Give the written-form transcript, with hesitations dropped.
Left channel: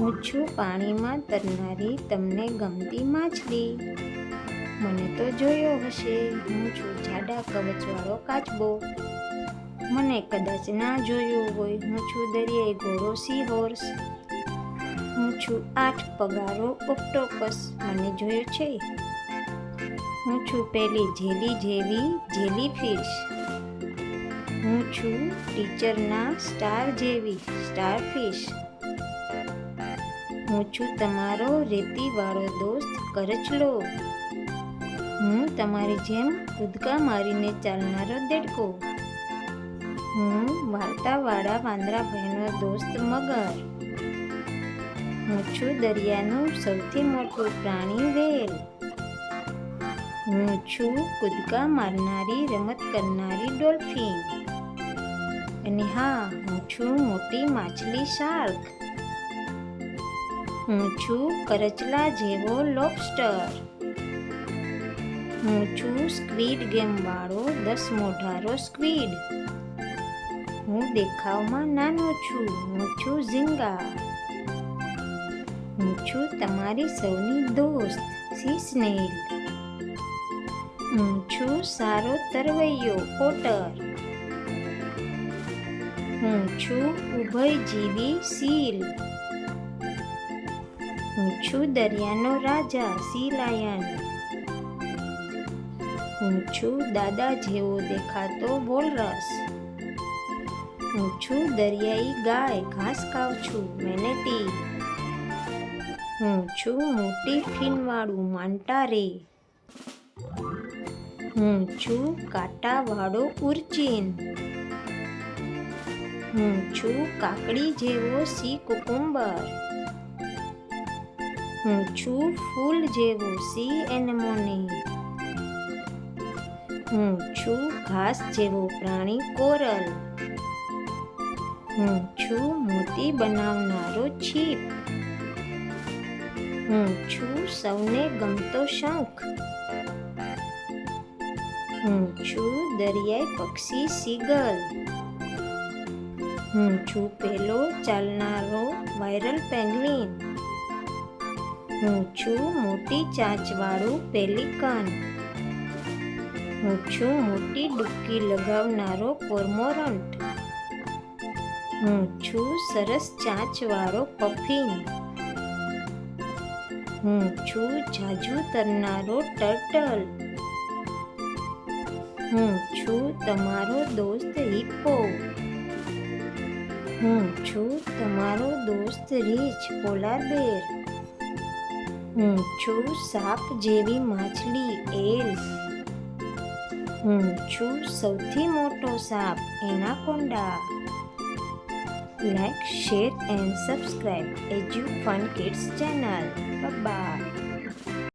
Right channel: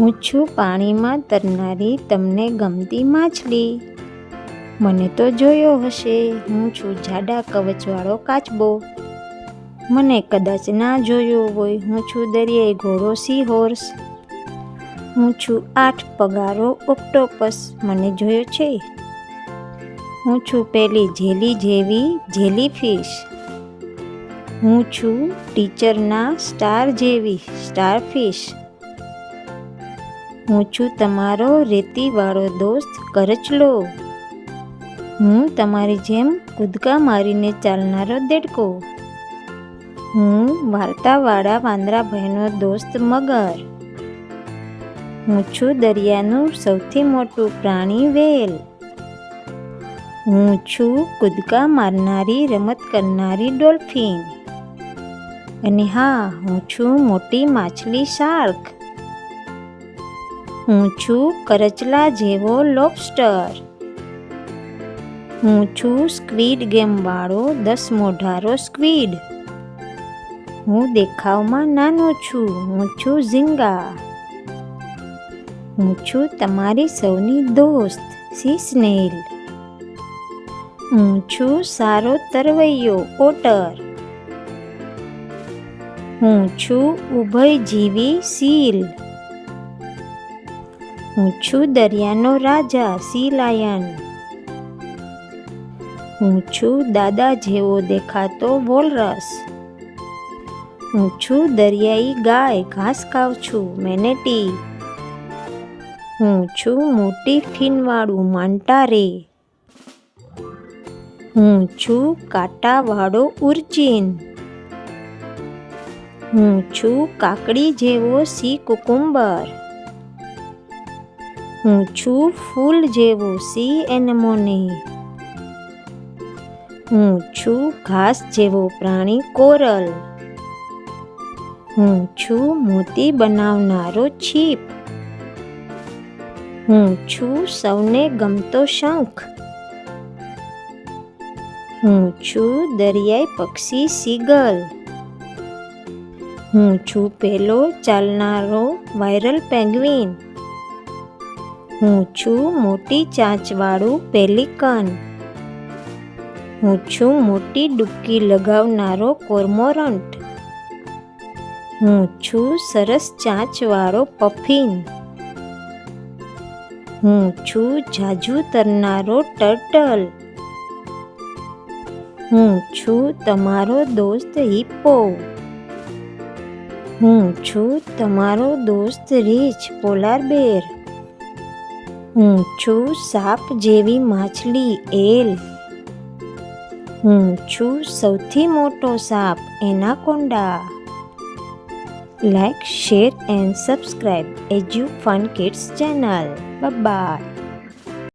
હું છું પાણીમાં તરનારી તમને ગમતી માછલી. મને તો જોયો હશે, હું છું જાડા કવચવાળો કાચબો. મને કદાચ ના જોયો હોય, હું છું દરિયાઈ ઘોડો સી હોર્સ. હું છું 8 પગારો ઓક્ટોપસ. મને જોયો છે? હું છું પેલી જેલી જેવી જેલીફિશ. હું છું ટીચરના સ્ટાર જેવી સ્ટારફિશ. હું છું તમારો રેતીવાળો દોસ્ત કરચલો. હું તમારી જેમ કૂદકા મારીને ચાલનારો દેડકો. હું વાર્તાવાળા વાંદરાભાઈનો દોસ્ત મગર. હું છું દરિયાનું સૌથી મોટું પ્રાણી વ્હેલ. હું છું કૂદકા મારનારી રમત કરનારી ડોલ્ફિન. અને હા, હું છું મોટી માછલી શાર્ક. હું છું કરચલા જેવો લોબસ્ટર. હું છું સ્ક્વિડ ગેમવાળો 10 મોઢારો સ્ક્વિડ. હું દેખાવમાં નાનો છું. હું છું ઝીંગા. હું છું તમારી સૌની દોસ્ત સી સ્નેલ. હું છું સારો તરવૈયો ઓટર. હું છું ઉભયજીવી સીલ. હું છું દરિયાનો રાજા સી લાયન. હું છું દાદા જેવો દેખાતો વોલરસ. હું છું દરિયાઈ ગાય ઘાસ ખાઉં છું મેનેટી. હું છું મોટી ફીનવાળું માન્ટા રે. હું છું કાંટાવાળો ઉર્ચિન. હું છું કાકડી જેવો સી કુકુમ્બર. હું છું ફૂલ જેવો સી એનેમોને. હું છું ઘાસ જેવો પ્રાણી કોરલ. હું છું મોતી બનાવનારો છીપ. હું છું સૌને ગમતો શંખ. હું છું દરિયાઈ પક્ષી સીગલ. હું છું પેલો ચાલનારો વાયરલ પેંગ્વિન. હું છું મોટી ચાંચવાળું પેલિકન. હું છું મોટી ડૂબકી લગાવનારો કોર્મોરન્ટ. હું છું સરસ ચાંચવાળો પફિન. હું છું જાજુ તરનારો ટર્ટલ. હું છું તમારો દોસ્ત હિપ્પો. હું છું તમારો દોસ્ત રીછ પોલાર બેર. હું છું સાપ જેવી માછલી એલ. હું છું સૌથી મોટો સાપ anaconda. Like, share and subscribe EduFun Kids channel. Bye bye.